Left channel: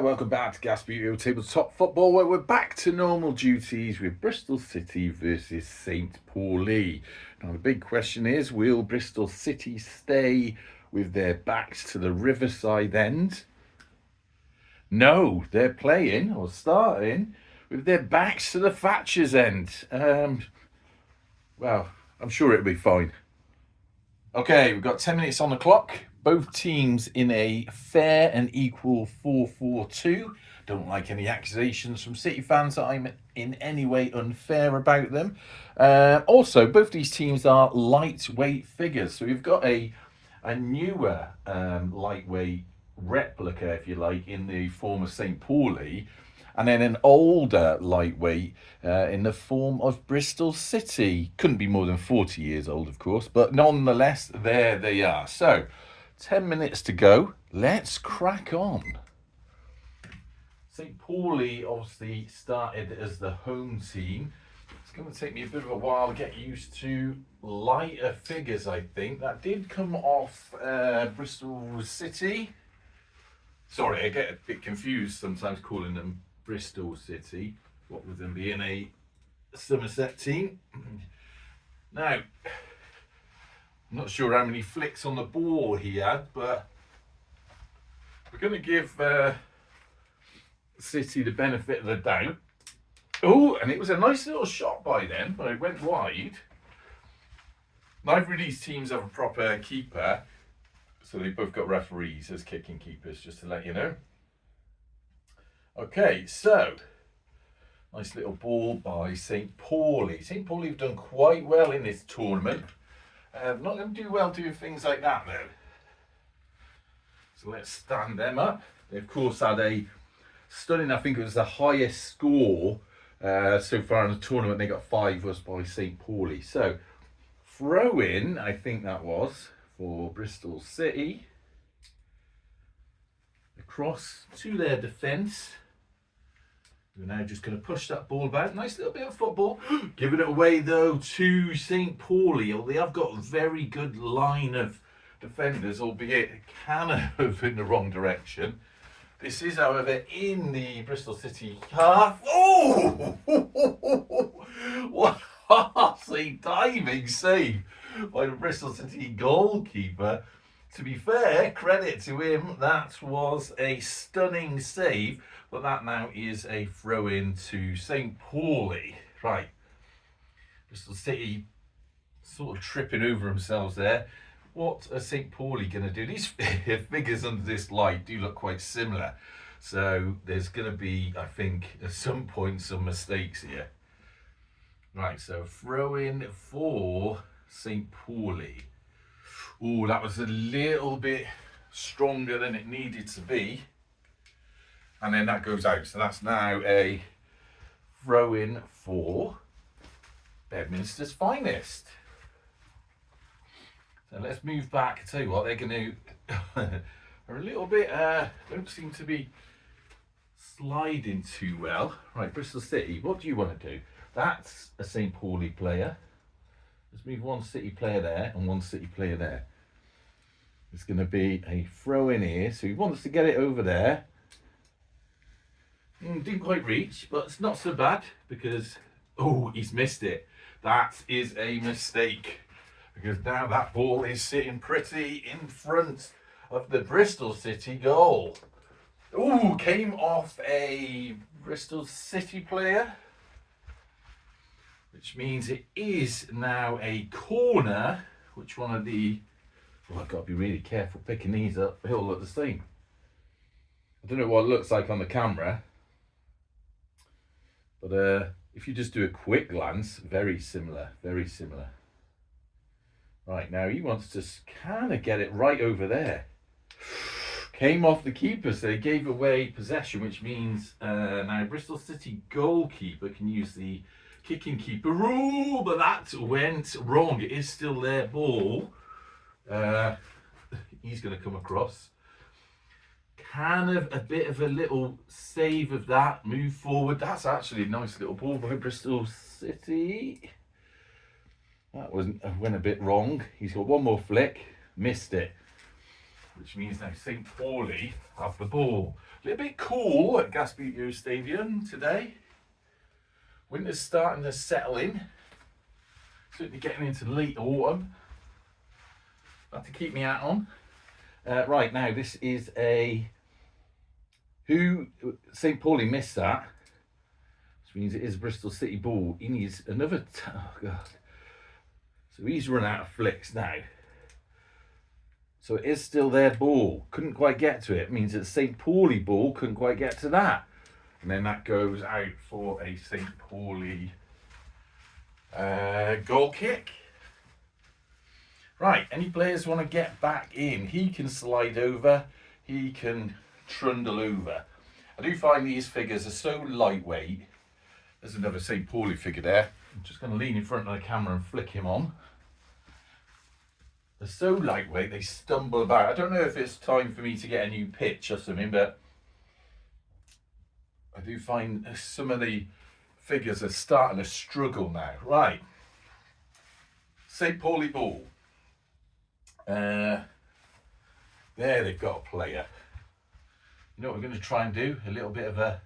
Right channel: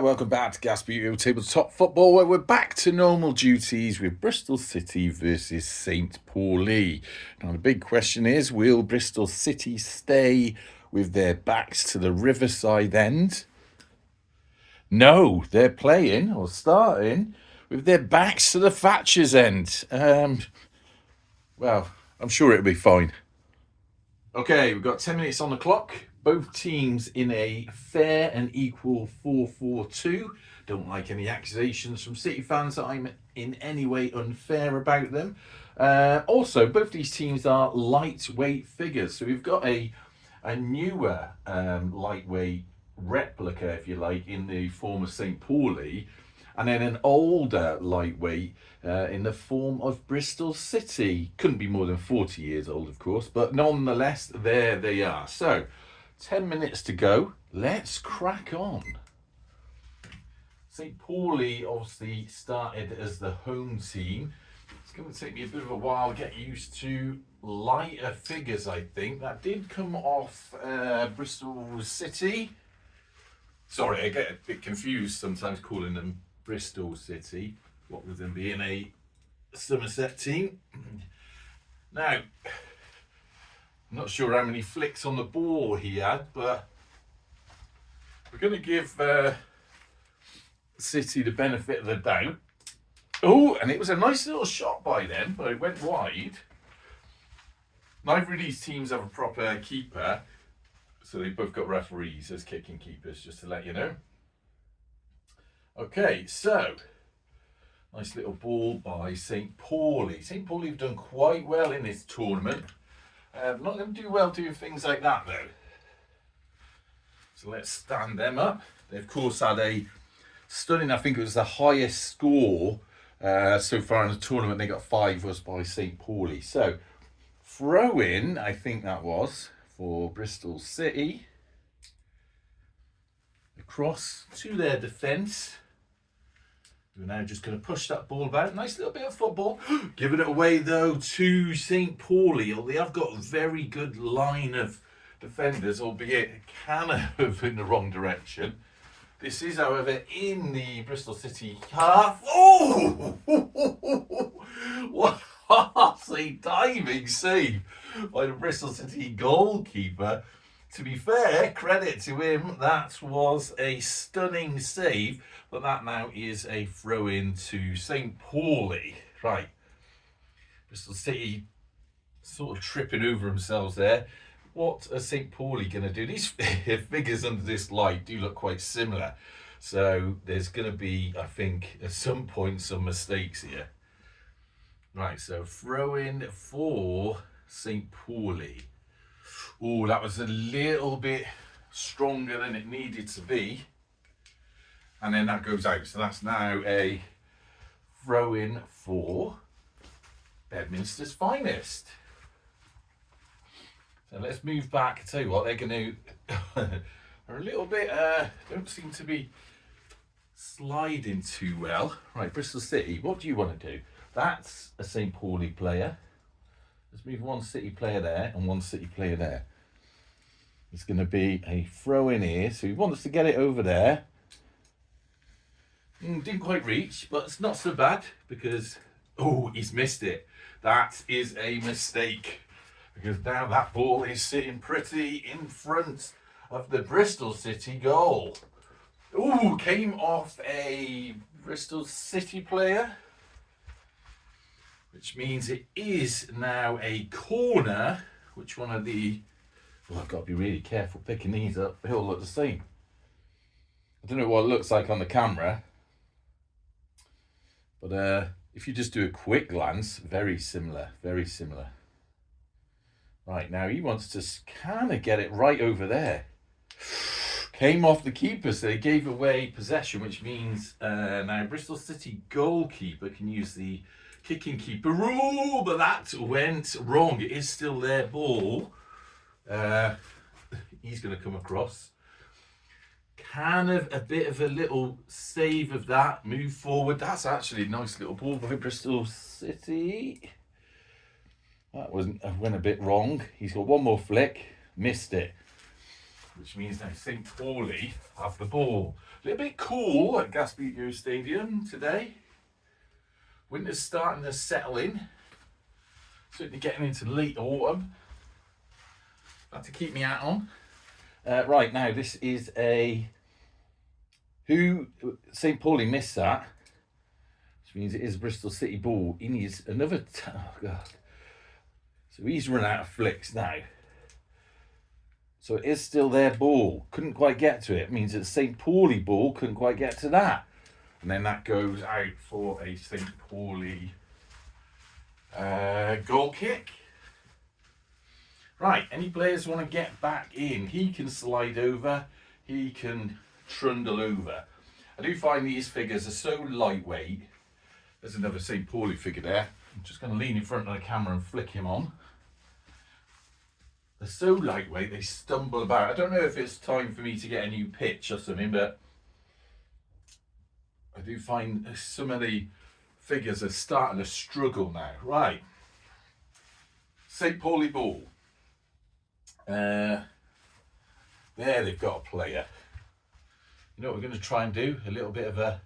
welcome back to Gasbbuteo Tabletop Football, where we're back to normal duties with Bristol City versus St. Pauli. Now, the big question is, will Bristol City stay with their backs to the Riverside end? No, they're playing, or starting, with their backs to the Thatcher's end. Well, I'm sure it'll be fine. Okay, we've got 10 minutes on the clock. Both teams in a fair and equal 4-4-2. Don't like any accusations from City fans that I'm in any way unfair about them. Also, both these teams are lightweight figures. So we've got a newer lightweight replica, if you like, in the form of St. Pauli, and then an older lightweight in the form of Bristol City. Couldn't be more than 40 years old, of course, but nonetheless, there they are. So, 10 minutes to go. Let's crack on. St. Pauli obviously started as the home team. It's going to take me a bit of a while to get used to lighter figures, I think. That did come off Bristol City. Sorry, I get a bit confused sometimes calling them Bristol City, what with them being a Somerset team. Now, I'm not sure how many flicks on the ball he had, but we're going to give City the benefit of the doubt. Oh, and it was a nice little shot by them, but it went wide. Neither of these teams have a proper keeper, so they've both got referees as kicking keepers, just to let you know. Okay, so nice little ball by St. Pauli. St. Pauli have done quite well in this tournament. Not going to do well doing things like that though. So let's stand them up. They of course had a stunning, I think it was the highest score so far in the tournament. They got 5, was by St. Pauli. So throw in, I think that was, for Bristol City. Across to their defence. We're now just going to push that ball about. Nice little bit of football. Giving it away, though, to St. Pauli. They have got a very good line of defenders, albeit kind of in the wrong direction. This is, however, in the Bristol City half. Oh! What a diving save by the Bristol City goalkeeper. To be fair, credit to him, that was a stunning save, but that now is a throw-in to St. Pauli. Right, Bristol City sort of tripping over themselves there. What are St. Pauli going to do? These figures under this light do look quite similar, so there's going to be, I think, at some point, some mistakes here. Right, so throw-in for St. Pauli. Oh, that was a little bit stronger than it needed to be. And then that goes out. So that's now a throw-in for Bedminster's finest. So let's move back. I tell you what, they're going to are a little bit, don't seem to be sliding too well. Right, Bristol City, what do you want to do? That's a St. Pauli player. Let's move one City player there and one City player there. It's going to be a throw in here. So he wants to get it over there. Didn't quite reach, but it's not so bad because, oh, he's missed it. That is a mistake because now that ball is sitting pretty in front of the Bristol City goal. Oh, came off a Bristol City player, which means it is now a corner. Which one of the... Oh, I've got to be really careful picking these up. They all look the same. I don't know what it looks like on the camera. But if you just do a quick glance, very similar, very similar. Right, now he wants to kind of get it right over there. Came off the keeper, so they gave away possession, which means now Bristol City goalkeeper can use the kicking keeper rule, but that went wrong. It is still their ball. He's going to come across. Kind of a bit of a little save of that. Move forward. That's actually a nice little ball by Bristol City. That went a bit wrong. He's got one more flick. Missed it. which means now St. Pauli have the ball. A little bit cool at Gasbbuteo Stadium today. Winter's starting to settle in. Certainly getting into late autumn. Got to keep my hat on. Right, now this is St. Pauli missed that, which means it is Bristol City ball. He needs another, oh God. So he's run out of flicks now. So it is still their ball. Couldn't quite get to it. It means that St. Pauli ball couldn't quite get to that. And then that goes out for a St. Pauli goal kick. Right, any players want to get back in? He can slide over. He can trundle over. I do find these figures are so lightweight. There's another St. Pauli figure there. I'm just going to lean in front of the camera and flick him on. They're so lightweight, they stumble about. I don't know if it's time for me to get a new pitch or something, but I do find some of the figures are starting to struggle now. Right, St. Pauli ball. There they've got a player. You know what we're going to try and do? A little bit of a...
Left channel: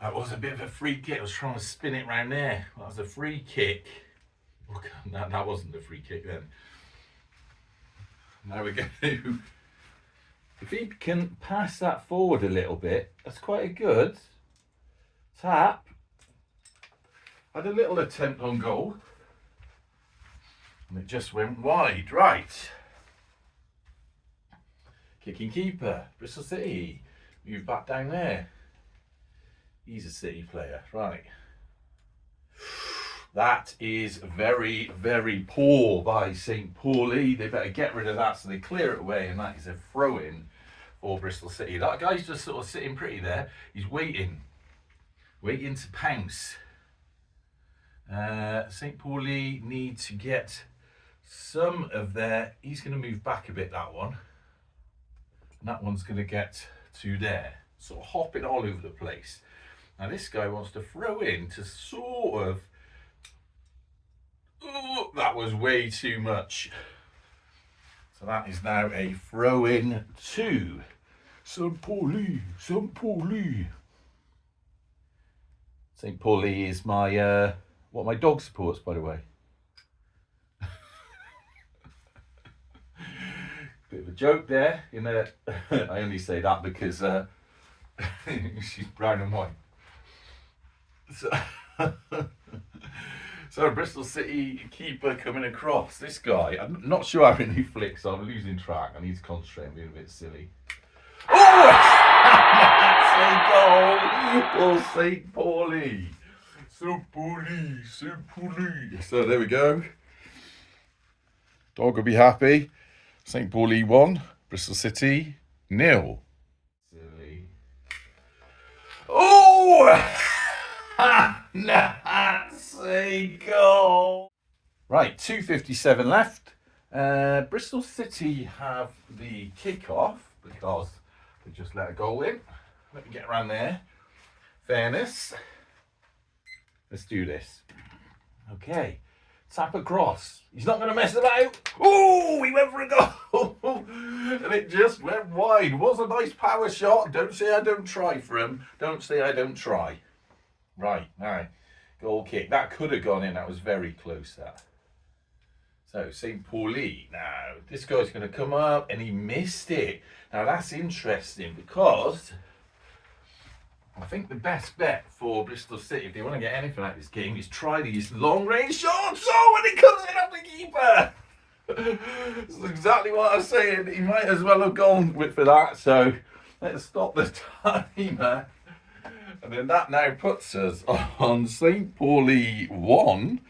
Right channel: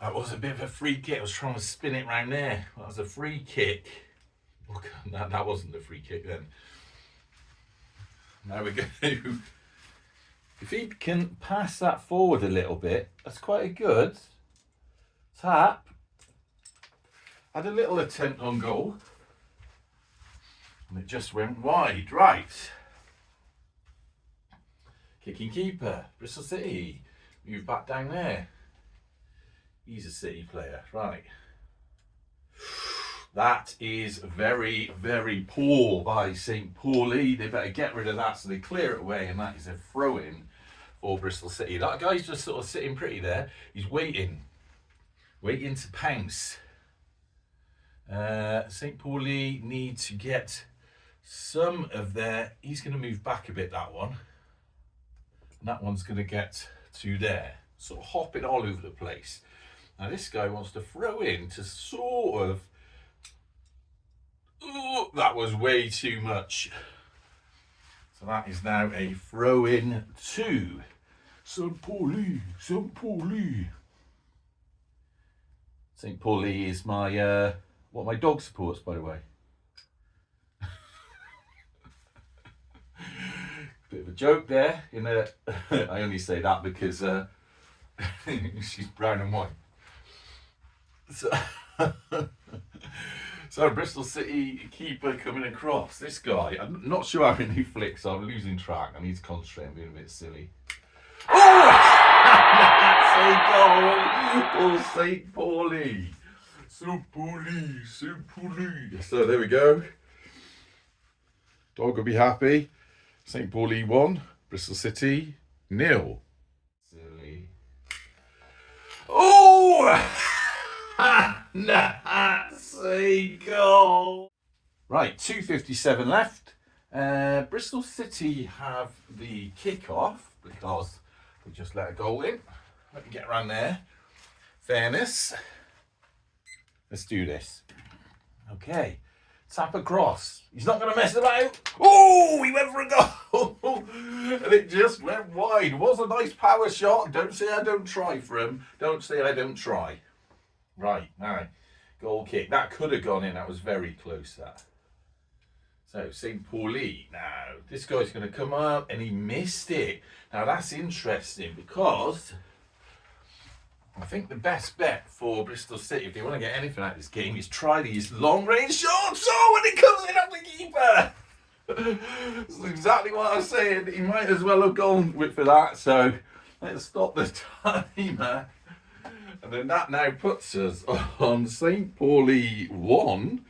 That was a bit of a free kick. I was trying to spin it round there. That was a free kick. Oh, that wasn't the free kick then. Now we're going to... If he can pass that forward a little bit, that's quite a good tap. Had a little attempt on goal. And it just went wide. Right. Kicking keeper. Bristol City. Move back down there. He's a City player. Right. That is very, very poor by St. Pauli. They better get rid of that so they clear it away. And that is a throw-in for Bristol City. That guy's just sort of sitting pretty there. He's waiting. Waiting to pounce. St. Pauli need to get some of their... He's going to move back a bit, that one. And that one's going to get to there. Sort of hopping all over the place. Now this guy wants to throw in to sort of... Oh, that was way too much. So that is now a throw-in to St. Pauli. St. Pauli. St. Pauli is my... what my dog supports, by the way. Bit of a joke there. You know, I only say that because she's brown and white. So Bristol City keeper coming across. This guy, I'm not sure how many flicks. I'm losing track. I need to concentrate. I'm being a bit silly. Oh! That's a goal for St. Pauli. St. Pauli, St. Pauli. So there we go. Dog will be happy. St. Pauli 1, Bristol City 0. Silly. Oh! That's a goal. Right, 2:57 left. Bristol City have the kick-off because they just let a goal in. Let me get around there. Fairness. Let's do this. Okay. Tap across. He's not going to mess about. Oh, he went for a goal. And it just went wide. Was a nice power shot. Don't say I don't try for him. Don't say I don't try. Right, now, goal kick. That could have gone in. That was very close, that. So, St. Pauli. Now, this guy's going to come up and he missed it. Now, that's interesting because I think the best bet for Bristol City, if they want to get anything out of this game, is try these long-range shots. Oh, when it comes in off the keeper. That's exactly what I was saying. He might as well have gone for that. So, let's stop the timer. And then that now puts us on St. Pauli 1,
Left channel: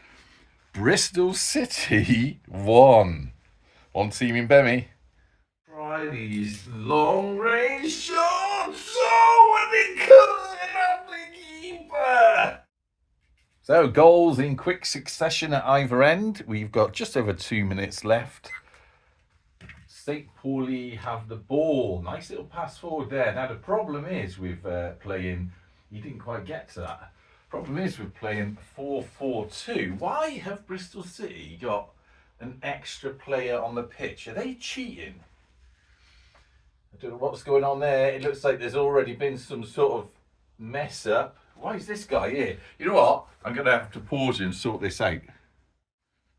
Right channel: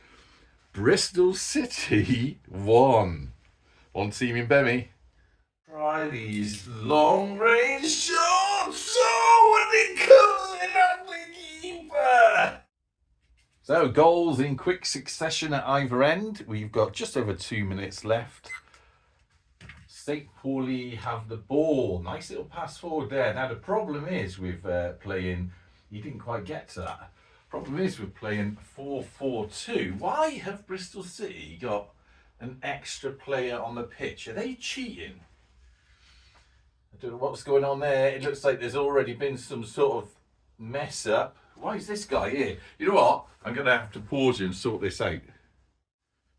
Bristol City 1. One team in Bemmy. Try these long-range shots. Oh, when it comes in at the keeper. So, goals in quick succession at either end. We've got just over 2 minutes left. St. Pauli have the ball. Nice little pass forward there. Now, the problem is with playing... You didn't quite get to that. Problem is we're playing 4-4-2. Why have Bristol City got an extra player on the pitch. Are they cheating? I don't know what's going on there. It looks like there's already been some sort of mess up. Why is this guy here? You know what? I'm going to have to pause and sort this out.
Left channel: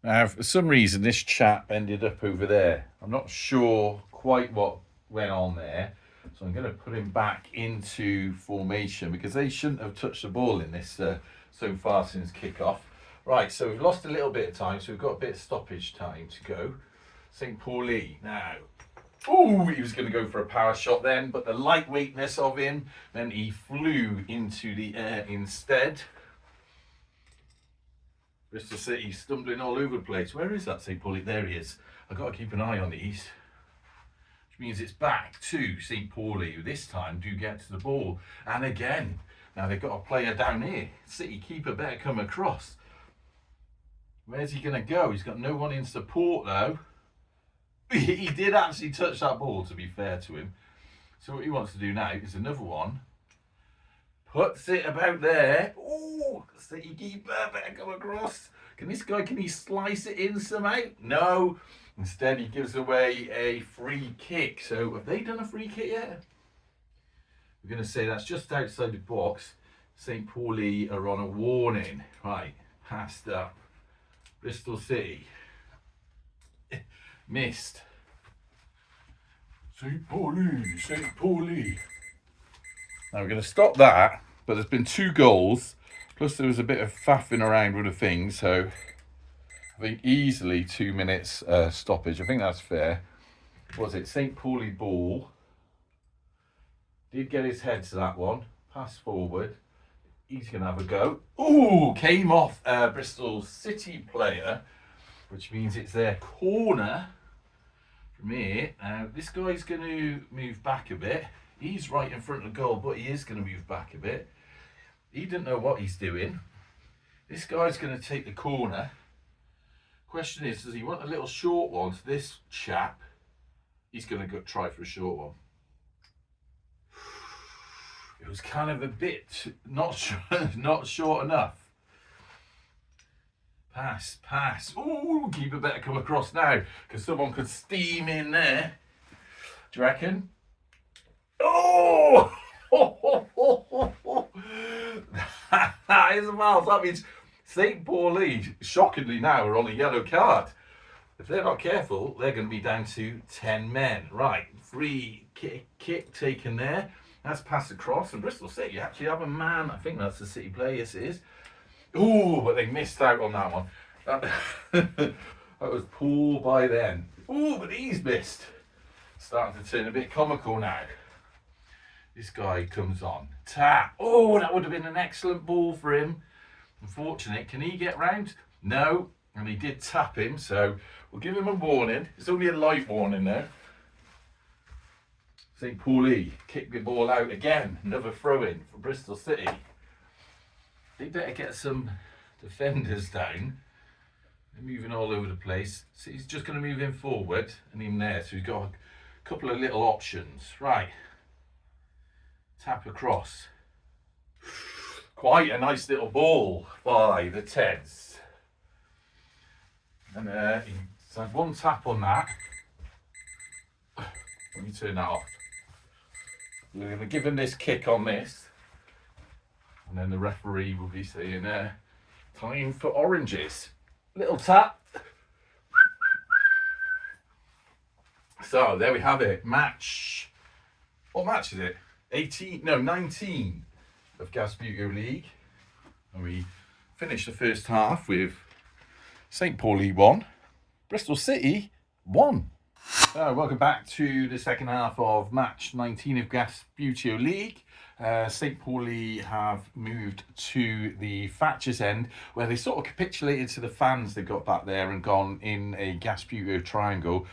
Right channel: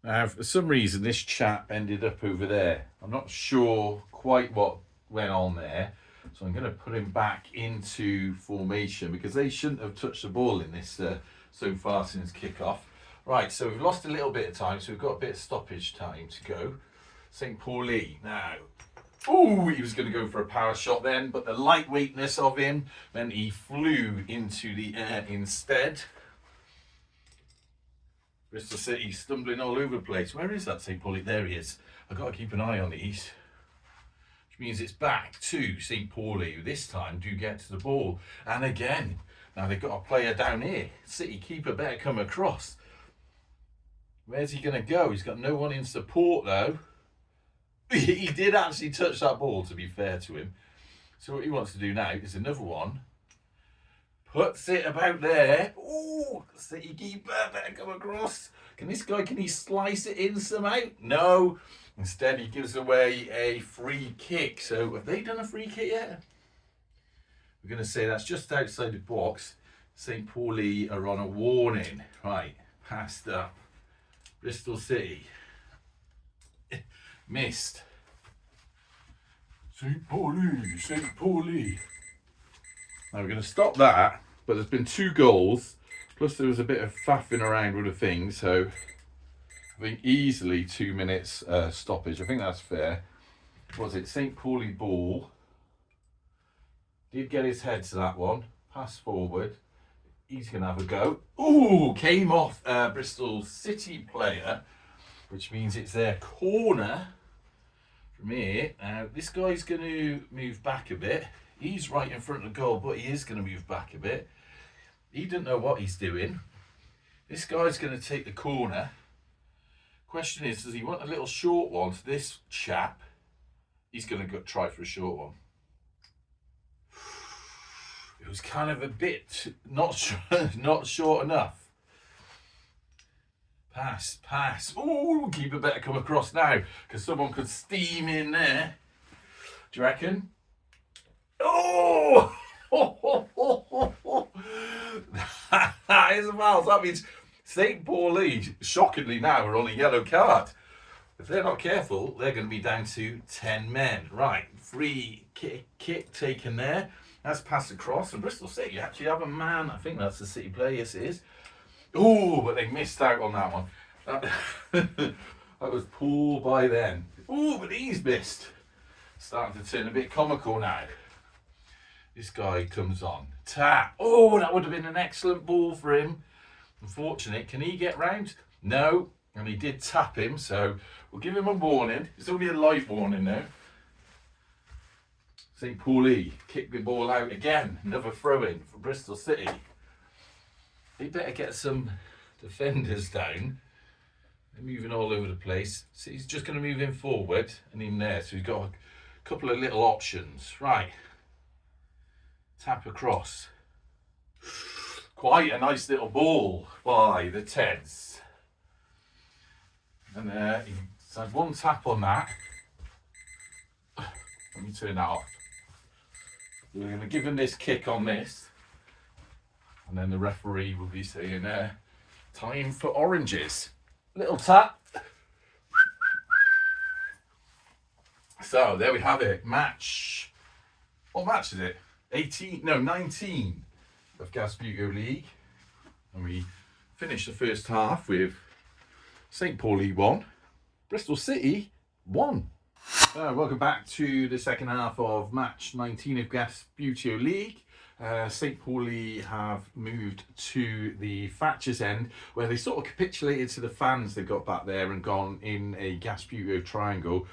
Now, for some reason, this chap ended up over there. I'm not sure quite what went on there. So I'm going to put him back into formation because they shouldn't have touched the ball in this so far since kick-off. Right, so we've lost a little bit of time, so we've got a bit of stoppage time to go. St. Pauli now. Oh, he was going to go for a power shot then, but the lightweightness of him meant he flew into the air instead. Bristol City stumbling all over the place. Where is that St. Pauli? There he is. I've got to keep an eye on these. Which means it's back to St. Pauli, who this time do get to the ball. And again, now they've got a player down here. City keeper better come across. Where's he going to go? He's got no one in support though. He did actually touch that ball, to be fair to him. So what he wants to do now is another one. Puts it about there. Oh, City keeper better come across. Can he slice it in somehow? No. Instead, he gives away a free kick. So have they done a free kick yet? We're going to say that's just outside the box. St. Pauli are on a warning. Right, passed up. Bristol City. Missed. St. Pauli, St. Pauli. Now we're going to stop that, but there's been 2 goals, plus there was a bit of faffing around with the thing, so I think easily 2 minutes stoppage. I think that's fair. What was it? St. Pauli ball. Did get his head to that one. Pass forward. He's going to have a go. Ooh, came off Bristol City player, which means it's their corner from here. Now, this guy's going to move back a bit. He's right in front of the goal, but he is going to move back a bit. He doesn't know what he's doing. This guy's going to take the corner. Question is, does he want a little short one to this chap? He's going to go try for a short one. It was kind of a bit not short enough. Pass. Oh, keeper better come across now because someone could steam in there. Do you reckon? Oh! That is a foul. That means St. Pauli, shockingly now, are on a yellow card. If they're not careful, they're going to be down to 10 men. Right, free kick taken there. That's passed across, and Bristol City actually have a man. I think that's the City player, yes it is. Oh, but they missed out on that one. That was poor by them. Oh, but he's missed. Starting to turn a bit comical now. This guy comes on. Tap. Oh, that would have been an excellent ball for him. Unfortunate. Can he get round? No. And he did tap him, so we'll give him a warning. It's only a light warning now. St. Pauli kicked the ball out again. Another throw-in for Bristol City. They better get some defenders down. They're moving all over the place. So he's just going to move in forward and in there. So he's got a couple of little options. Right. Tap across. Quite a nice little ball by the Teds. And he's had one tap on that. Let me turn that off. We're going to give him this kick on this. And then the referee will be saying, time for oranges. Little tap. So, there we have it. Match. What match is it? 19 of Gasbbuteo League. And we finished the first half with St. Pauli 1, Bristol City 1. Welcome back to the second half of match 19 of Gasbbuteo League. St. Pauli have moved to the Thatcher's end, where they sort of capitulated to the fans they got back there and gone in a Gasbbuteo triangle.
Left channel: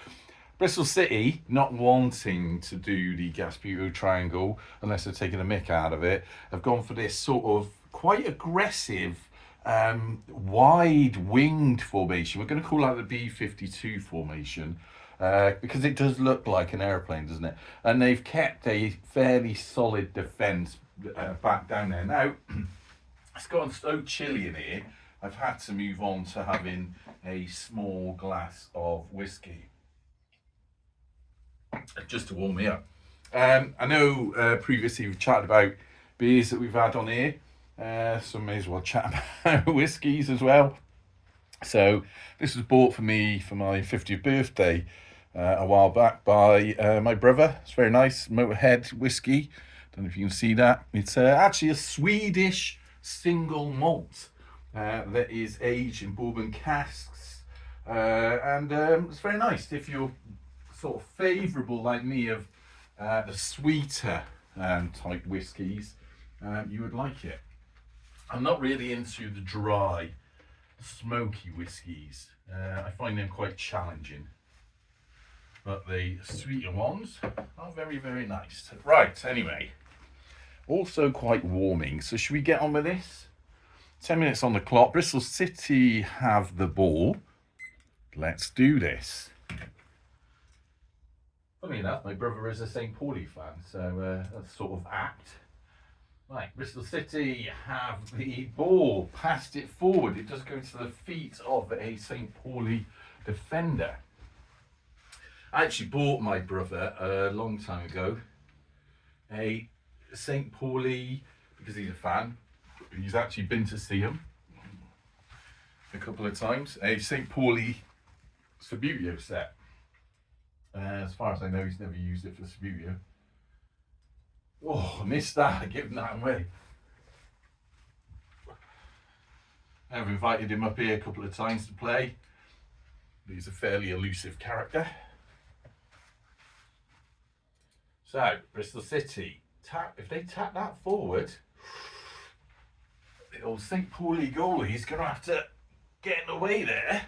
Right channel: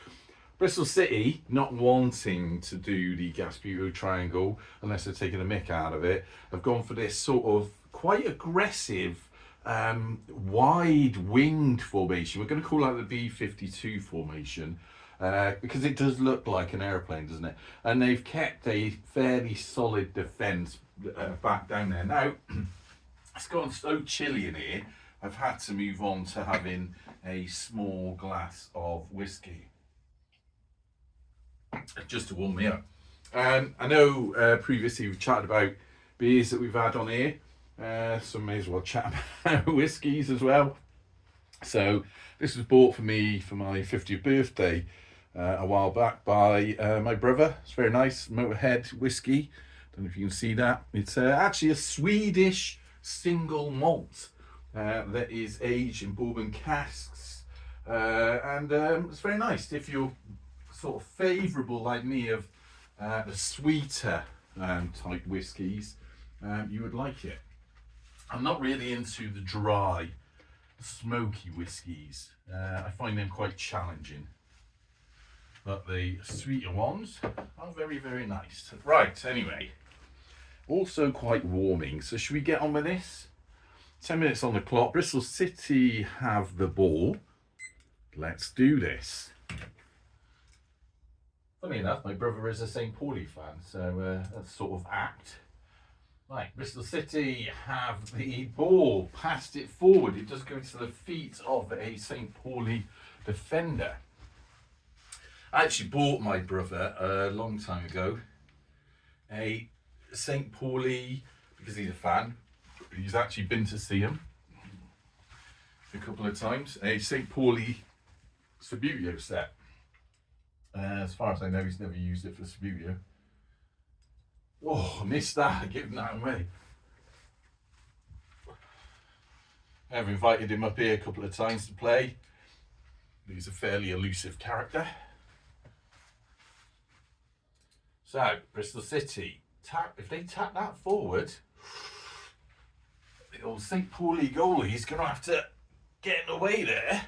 Bristol City, not wanting to do the Gasbbuteo triangle unless they're taking a mick out of it, have gone for this sort of quite aggressive wide-winged formation. We're going to call that the B-52 formation. Because it does look like an aeroplane, doesn't it? And they've kept a fairly solid defence back down there. Now, it's gone so chilly in here. I've had to move on to having a small glass of whiskey just to warm me up. I know previously we've chatted about beers that we've had on here, so may as well chat about whiskies as well. So this was bought for me for my 50th birthday a while back by my brother. It's very nice, Motorhead whiskey. Don't know if you can see that. It's actually a Swedish single malt that is aged in bourbon casks, and it's very nice. If you're sort of favourable like me of the sweeter type whiskies, you would like it. I'm not really into the dry, smoky whiskies. I find them quite challenging, but the sweeter ones are very, very nice. Right, anyway, also quite warming, so should we get on with this? 10 minutes on the clock. Bristol City have the ball. Let's do this. Funny enough, my brother is a St. Pauli fan, so that's sort of apt. Right, Bristol City have the ball, passed it forward. It does go into the feet of a St. Pauli defender. I actually bought my brother a long time ago a St. Pauli, because he's a fan. He's actually been to see him a couple of times. A St. Pauli Gasbbuteo set. As far as I know, he's never used it for Gasbbuteo. Oh, I missed that. I've given that away. I've invited him up here a couple of times to play. He's a fairly elusive character. So, Bristol City, if they tap that forward, the old St. Pauli goalie is going to have to get in the way there,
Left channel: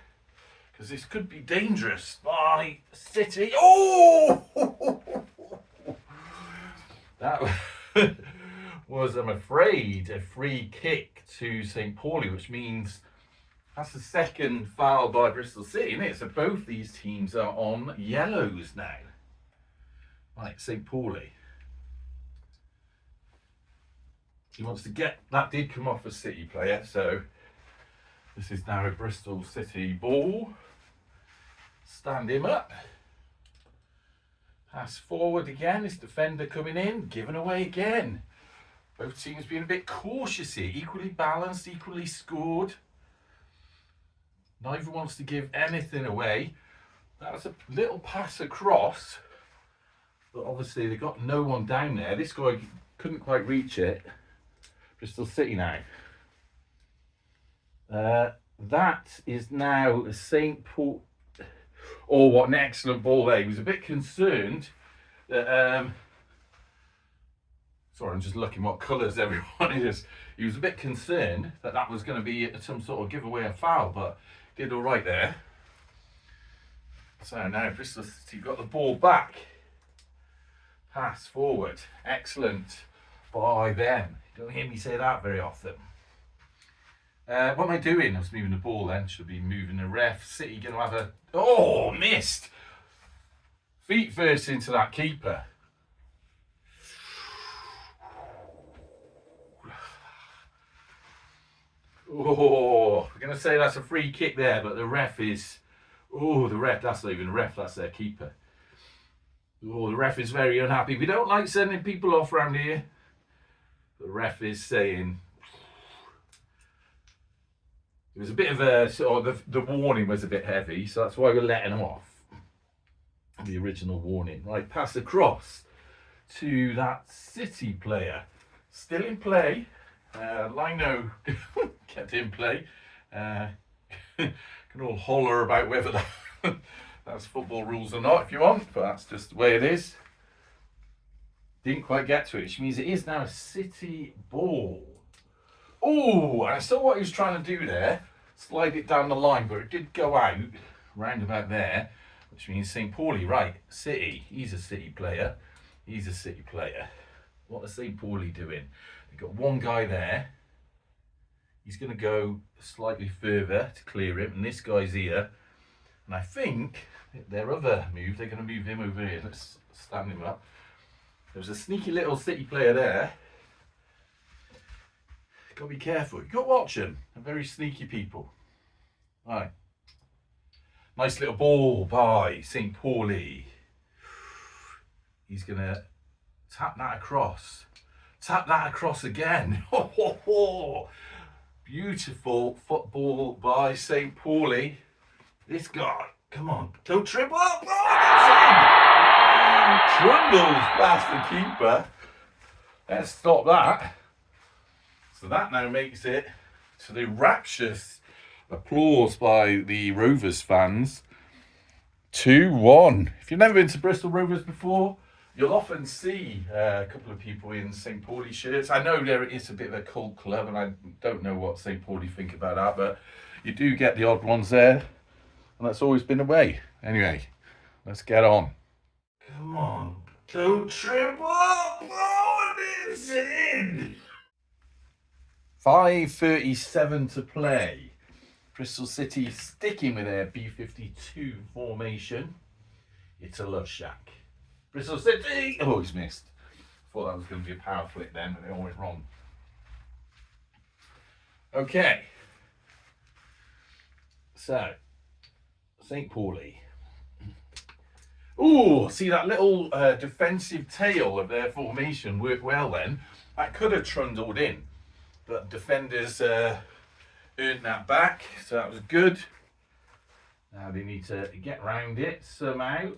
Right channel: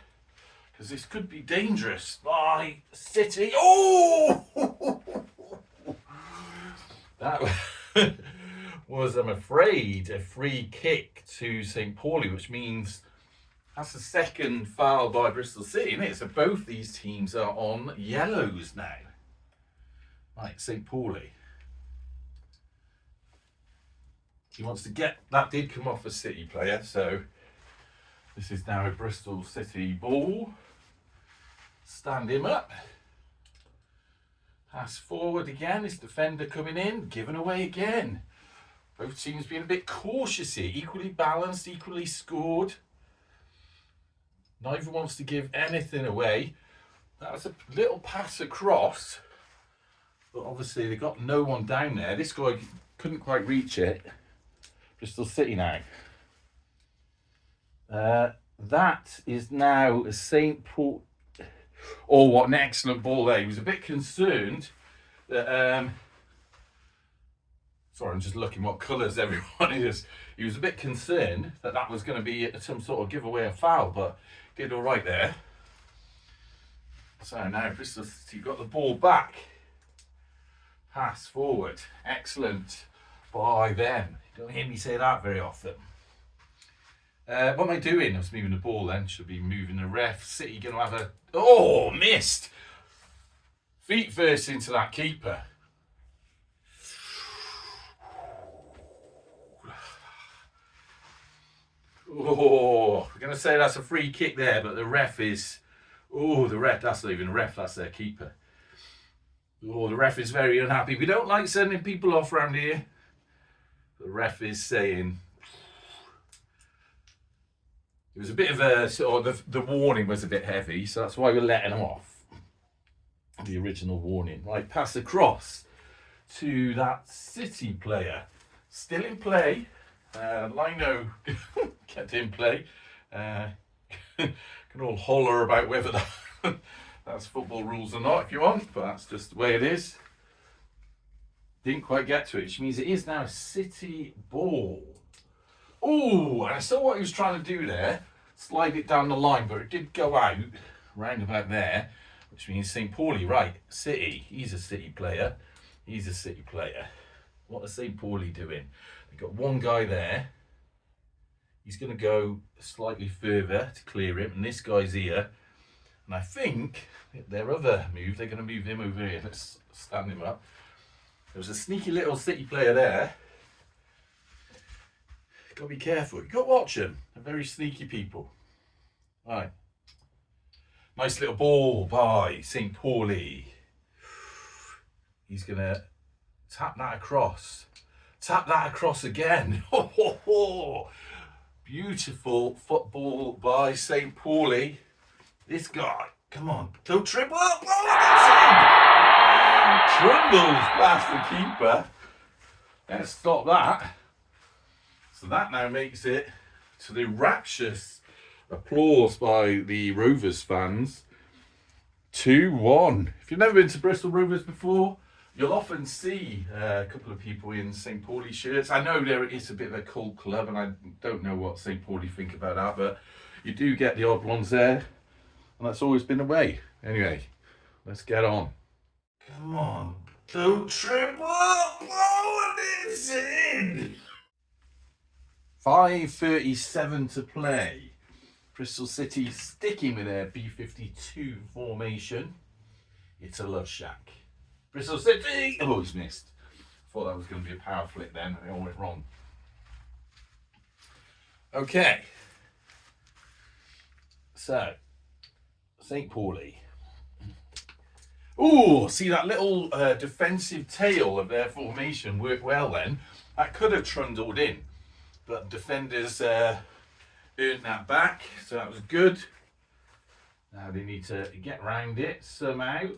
because this could be dangerous. By City. Oh! That was, I'm afraid, a free kick to St. Pauli, which means that's the second foul by Bristol City, isn't it? So both these teams are on yellows now. Right, St. Pauli. He wants to get, that did come off a City player, so this is now a Bristol City ball. Stand him up. Pass forward again, this defender coming in, given away again. Both teams being a bit cautious here, equally balanced, equally scored. Neither wants to give anything away. That was a little pass across, but obviously they got no one down there. This guy couldn't quite reach it. Bristol City now. That is now a St. Paul. Oh, what an excellent ball there. He was a bit concerned that, sorry, I'm just looking what colours everyone is. He was a bit concerned that that was going to be some sort of giveaway or foul, but did all right there. So now Bristol City got the ball back. Pass forward. Excellent by them. You don't hear me say that very often. What am I doing? I was moving the ball then. Should be moving the ref. City going to have a... Oh, missed. Feet first into that keeper. Oh, we're going to say that's a free kick there, but the ref is... Oh, the ref, that's not even a ref, that's their keeper. Oh, the ref is very unhappy. We don't like sending people off around here. The ref is saying... It was a bit of a, sort of the warning was a bit heavy, so that's why we're letting them off. The original warning. Right, pass across to that City player. Still in play. Lino kept in play. Can all holler about whether that's football rules or not if you want, but that's just the way it is. Didn't quite get to it, which means it is now a City ball. Oh, and I saw what he was trying to do there. Slide it down the line, but it did go out round about there, which means St. Pauli, right, City. He's a City player. He's a City player. What is St. Pauli doing? They've got one guy there. He's going to go slightly further to clear him, and this guy's here. And I think their other move, they're going to move him over here. Let's stand him up. There's a sneaky little City player there. Got to be careful. You've got to watch them. They're very sneaky people. Right. Nice little ball by St. Pauli. He's going to tap that across. Tap that across again. Beautiful football by St. Pauli. This guy, come on, don't trip up. Trundles past the keeper. Let's stop that. So that now makes it to the rapturous applause by the Rovers fans. 2-1. If you've never been to Bristol Rovers before, you'll often see a couple of people in St. Pauli shirts. I know there is a bit of a cult club, and I don't know what St. Pauli think about that, but you do get the odd ones there, and that's always been the way. Anyway, let's get on. Come on, don't trip up. Oh, it's in. 5:37 to play. Bristol City sticking with their B52 formation. It's a love shack. Bristol City! Oh, he's missed. Thought that was going to be a power flick then, and it all went wrong. Okay. So, St. Pauli. Ooh, see that little defensive tail of their formation worked well then. That could have trundled in, but defenders earned that back, so that was good. Now they need to get round it somehow.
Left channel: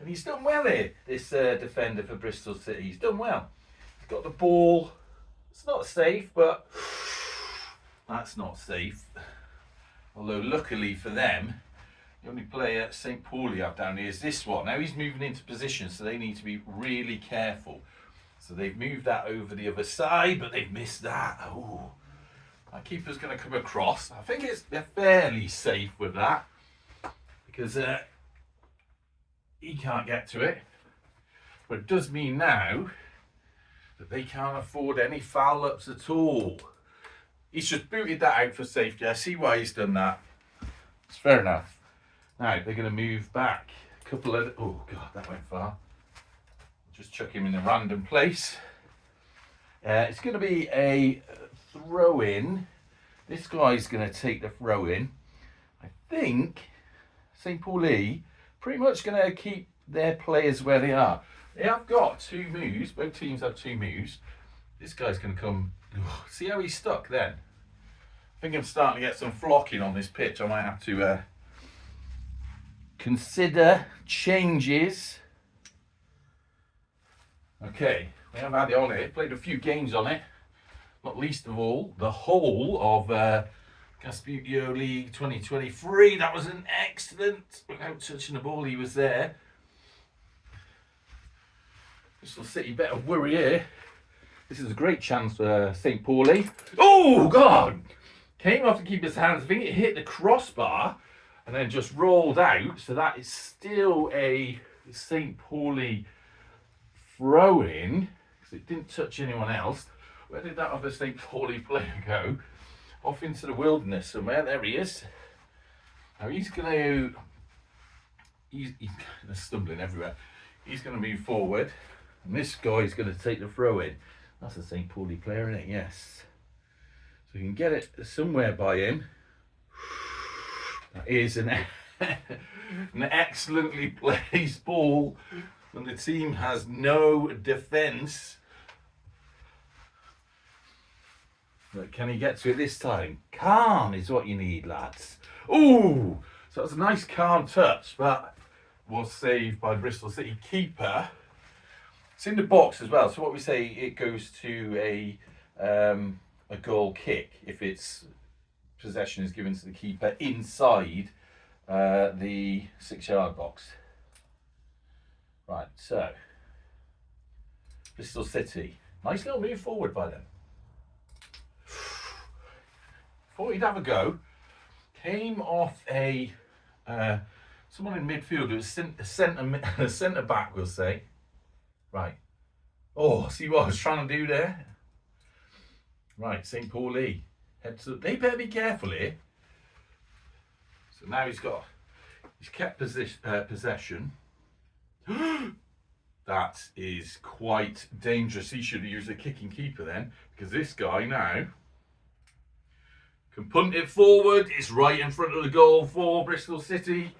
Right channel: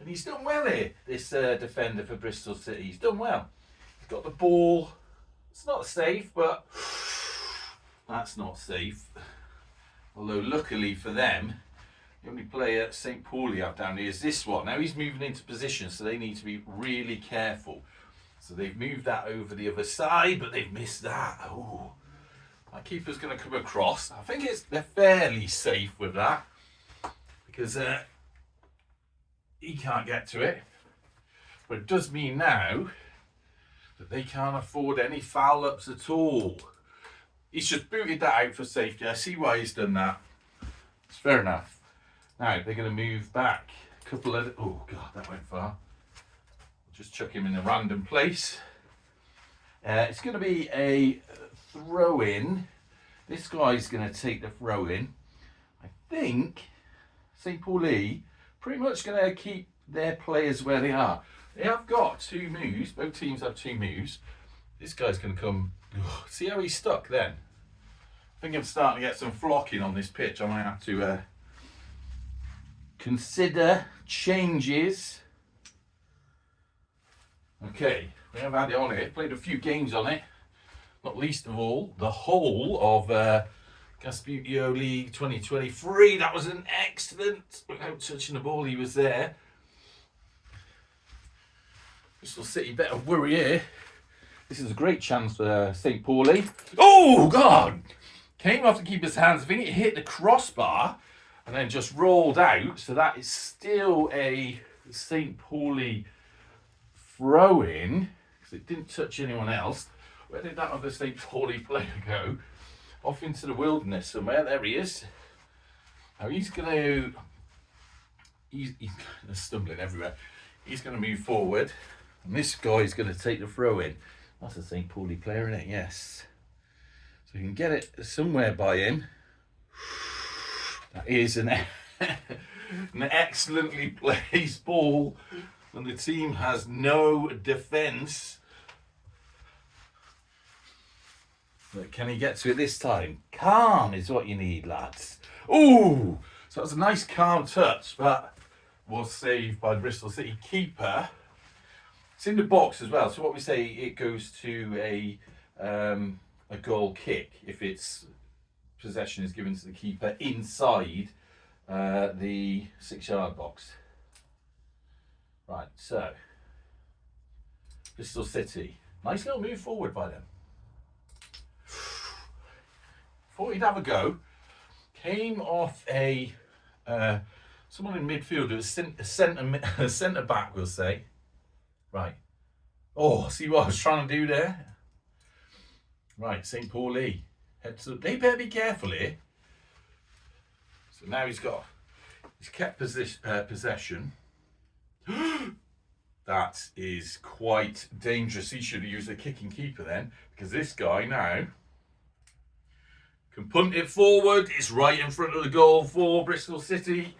And he's done well here, this defender for Bristol City. He's done well. He's got the ball. It's not safe, but that's not safe. Although luckily for them, the only player St. Pauli have down here is this one. Now he's moving into position, so they need to be really careful. So they've moved that over the other side, but they've missed that. Oh, my keeper's going to come across. I think they're fairly safe with that, because he can't get to it. But it does mean now that they can't afford any foul ups at all. He's just booted that out for safety. I see why he's done that. It's fair enough. Now they're going to move back. A couple of... Oh, God, that went far. Just chuck him in a random place. It's going to be a throw-in. This guy's going to take the throw-in. I think St. Pauli pretty much going to keep their players where they are. They have got two moves. Both teams have two moves. This guy's going to come... Oh, see how he's stuck then? I think I'm starting to get some flocking on this pitch. I might have to consider changes. Okay, we have had it on it. Played a few games on it. Not least of all, the whole of Gasbbuteo League 2023. That was an excellent, without touching the ball, he was there. Bristol City better worry here. This is a great chance for St. Pauli. Oh, God! Came off the keeper's hands. I think it hit the crossbar and then just rolled out. So that is still a St. Pauli throw-in, because it didn't touch anyone else. Where did that other St. Pauli player go? Off into the wilderness somewhere. There he is. Now he's going to... He's stumbling everywhere. He's going to move forward. And this guy's going to take the throw-in. That's a St. Pauli player, isn't it? Yes. So we can get it somewhere by him. That is an excellently placed ball. And the team has no defence. But can he get to it this time? Calm is what you need, lads. Ooh! So that was a nice calm touch, but was saved by the Bristol City keeper. It's in the box as well. So what we say, it goes to a goal kick if its possession is given to the keeper inside the 6-yard box. Right, so Bristol City, nice little move forward by them. Thought he'd have a go. Came off a someone in midfield. It was a centre back, we'll say. Right. Oh, see what I was trying to do there? Right, St. Pauli. Heads up. They better be careful here. So now he's kept possession. That that is quite dangerous. He should have used a kicking keeper then, because this guy now can punt it forward. It's right in front of the goal for Bristol City.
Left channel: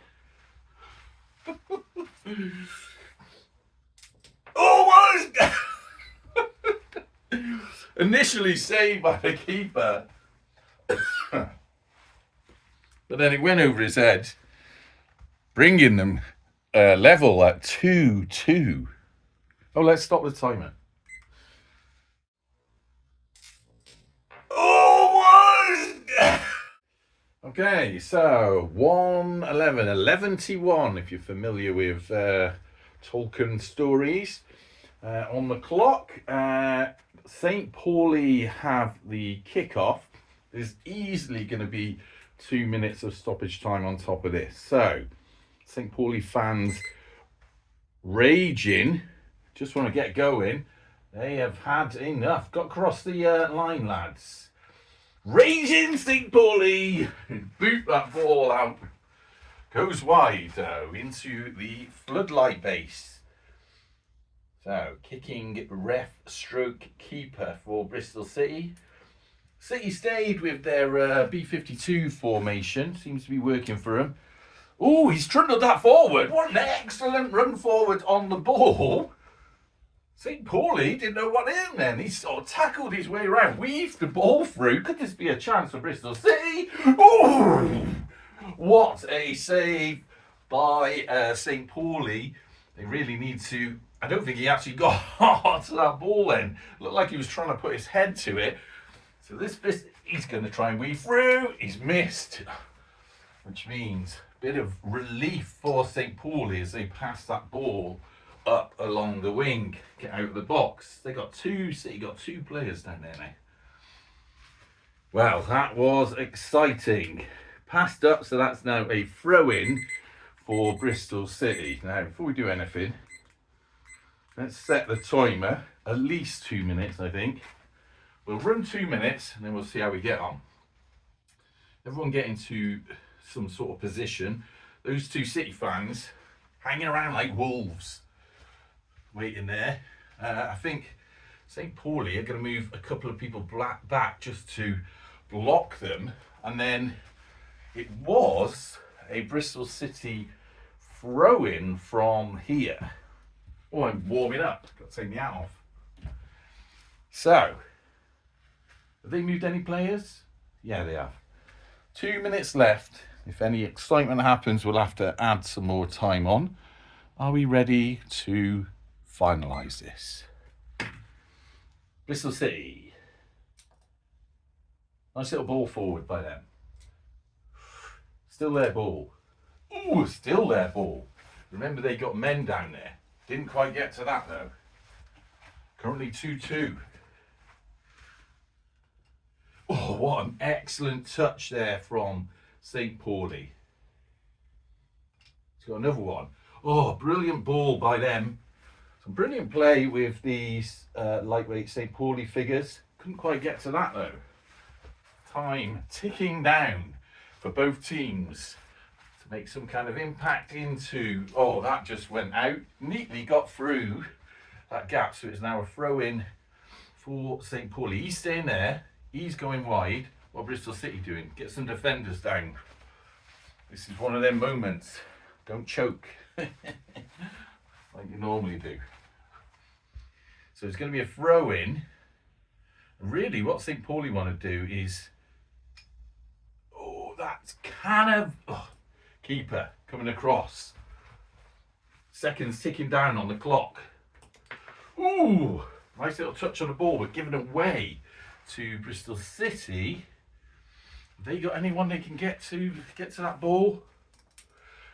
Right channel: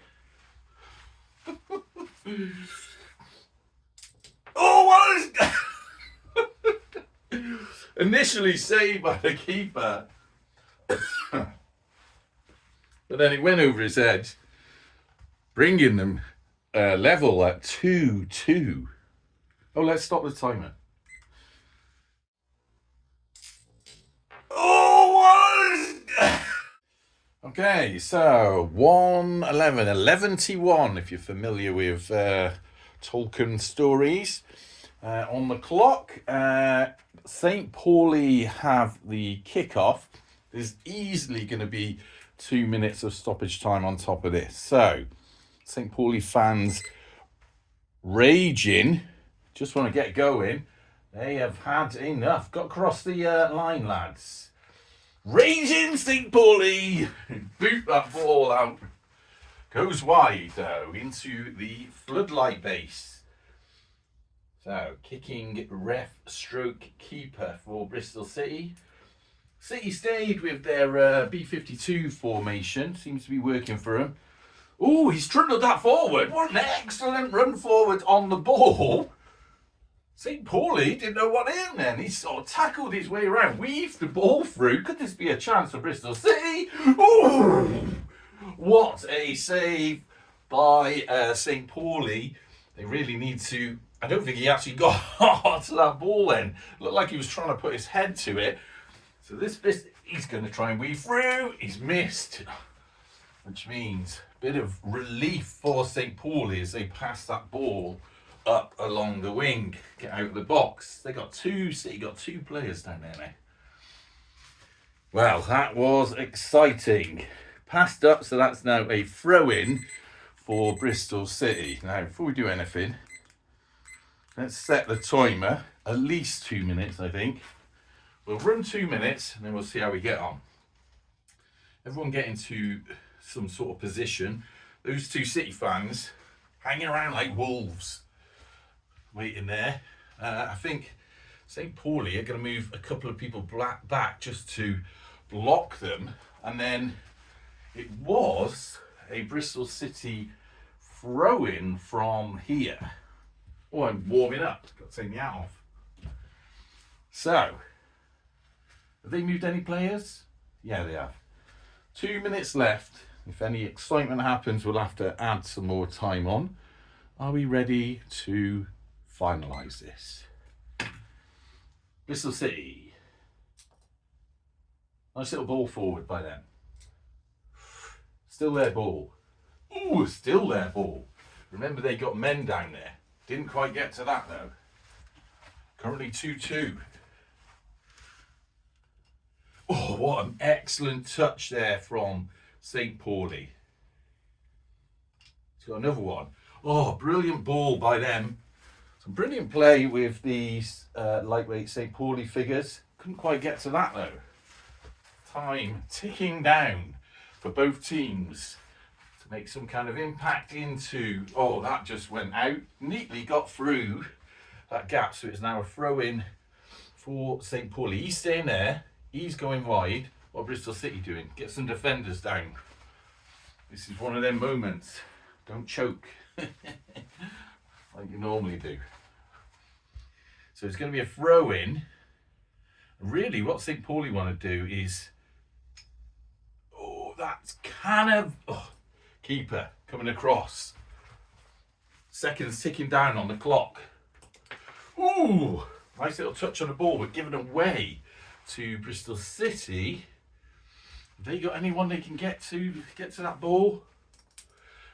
Oh, what is... Initially saved by the keeper. But then it went over his head, bringing them level at 2-2. Oh, let's stop the timer. Oh, what? Okay, so 11-1 if you're familiar with Tolkien stories. On the clock, St. Pauli have the kickoff. There's easily going to be 2 minutes of stoppage time on top of this. So, St. Pauli fans raging, just want to get going. They have had enough. Got across the line, lads. Raging St. Pauli. Boot that ball out. Goes wide, though, into the floodlight base. So, kicking ref stroke keeper for Bristol City. City stayed with their B52 formation. Seems to be working for them. Oh, he's trundled that forward. What an excellent run forward on the ball. St. Pauli didn't know what hit him then. He sort of tackled his way around, weaved the ball through. Could this be a chance for Bristol City? Oh, what a save by St. Pauli. They really need to... I don't think he actually got hard to that ball then. Looked like he was trying to put his head to it. So this he's going to try and weave through. He's missed. Which means a bit of relief for St. Pauli as they pass that ball up along the wing, get out of the box. City got two players down there now. Well, that was exciting. Passed up, so that's now a throw-in for Bristol City. Now, before we do anything, let's set the timer. At least 2 minutes, I think. We'll run 2 minutes, and then we'll see how we get on. Everyone get into some sort of position. Those two City fans hanging around like wolves, waiting there. I think St. Pauli are going to move a couple of people back just to block them. And then it was a Bristol City throw-in from here. Oh, I'm warming up. Got to take the hat off. So, have they moved any players? Yeah, they have. 2 minutes left. If any excitement happens, we'll have to add some more time on. Are we ready to finalise this? Bristol City. Nice little ball forward by them. Still their ball. Ooh, still their ball. Remember, they got men down there. Didn't quite get to that, though. Currently 2-2. Oh, what an excellent touch there from St. Pauli. He's got another one. Oh, brilliant ball by them. Some brilliant play with these lightweight St. Pauli figures. Couldn't quite get to that, though. Time ticking down for both teams to make some kind of impact into... Oh, that just went out. Neatly got through that gap, so it's now a throw-in for St. Pauli. He's staying there. He's going wide. What Bristol City doing? Get some defenders down. This is one of them moments. Don't choke like you normally do. So it's going to be a throw-in. Really, what St. Pauli want to do is... Oh, that's kind of... Oh, keeper coming across. Seconds ticking down on the clock. Ooh, nice little touch on the ball, but given away to Bristol City. Have they got anyone they can get to that ball?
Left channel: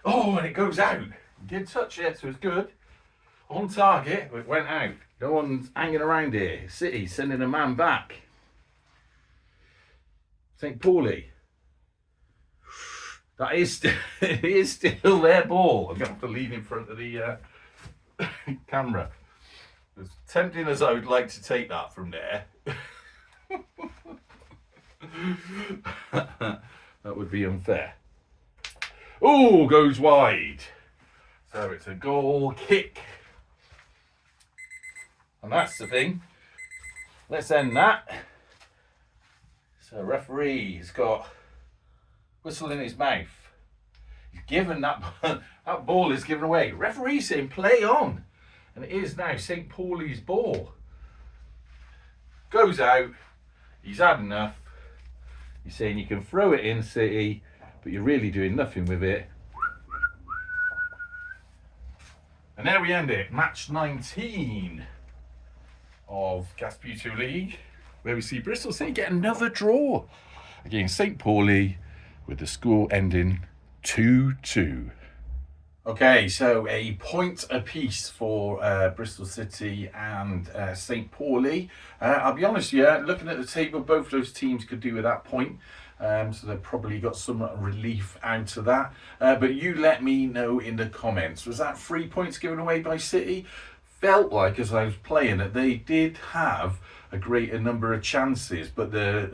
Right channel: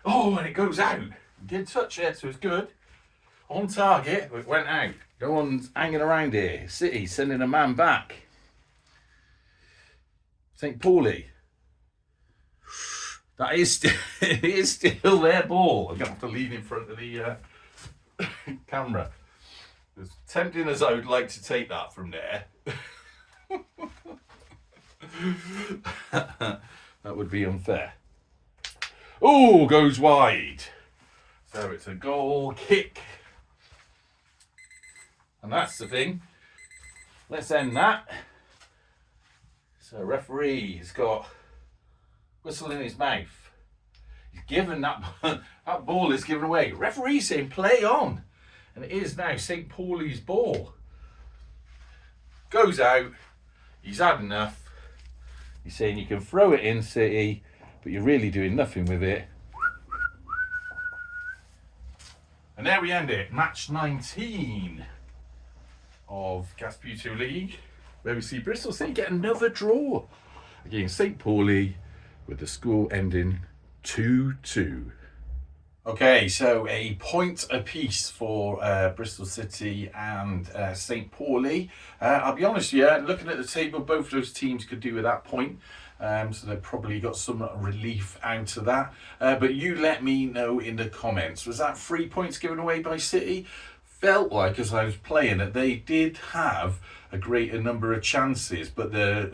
Oh, and it goes out. Did touch it, so it's good. On target, but it went out. No one's hanging around here. City sending a man back. St. Pauli. That is, it is still their ball. I'm going to have to lean in front of the camera. As tempting as I would like to take that from there, that would be unfair. Oh, goes wide. So it's a goal kick And that's the thing. Let's end that. So referee has got whistle in his mouth. He's given that ball is given away. Referee saying play on. And it is now St. Pauli's ball. Goes out. He's had enough. He's saying you can throw it in, City, but you're really doing nothing with it. And there we end it. Match 19 of Gasbbuteo League, where we see Bristol City get another draw against St. Pauli, with the score ending 2-2. Okay, so a point apiece for Bristol City and St. Pauli. I'll be honest, looking at the table, both those teams could do with that point. So they've probably got some relief out of that. But you let me know in the comments. Was that 3 points given away by City? Felt like, as I was playing, that they did have a greater number of chances, but the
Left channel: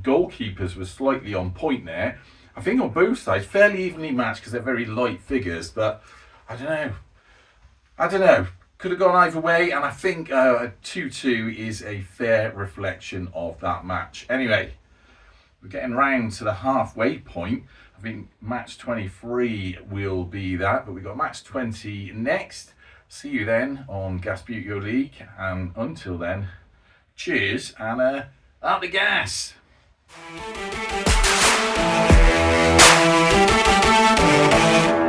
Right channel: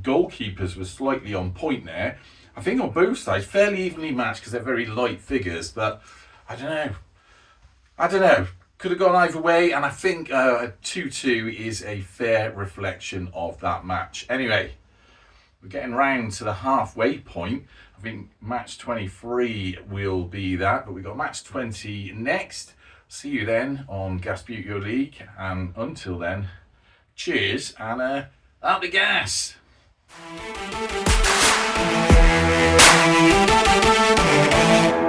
goalkeepers were slightly on point there. I think on both sides, fairly evenly matched because they're very light figures, but I don't know. Could have gone either way, and I think a 2-2 is a fair reflection of that match. Anyway, we're getting round to the halfway point. I think match 23 will be that, but we've got match 20 next. See you then on Gasbbuteo League, and until then, cheers and out the gas. Thank you.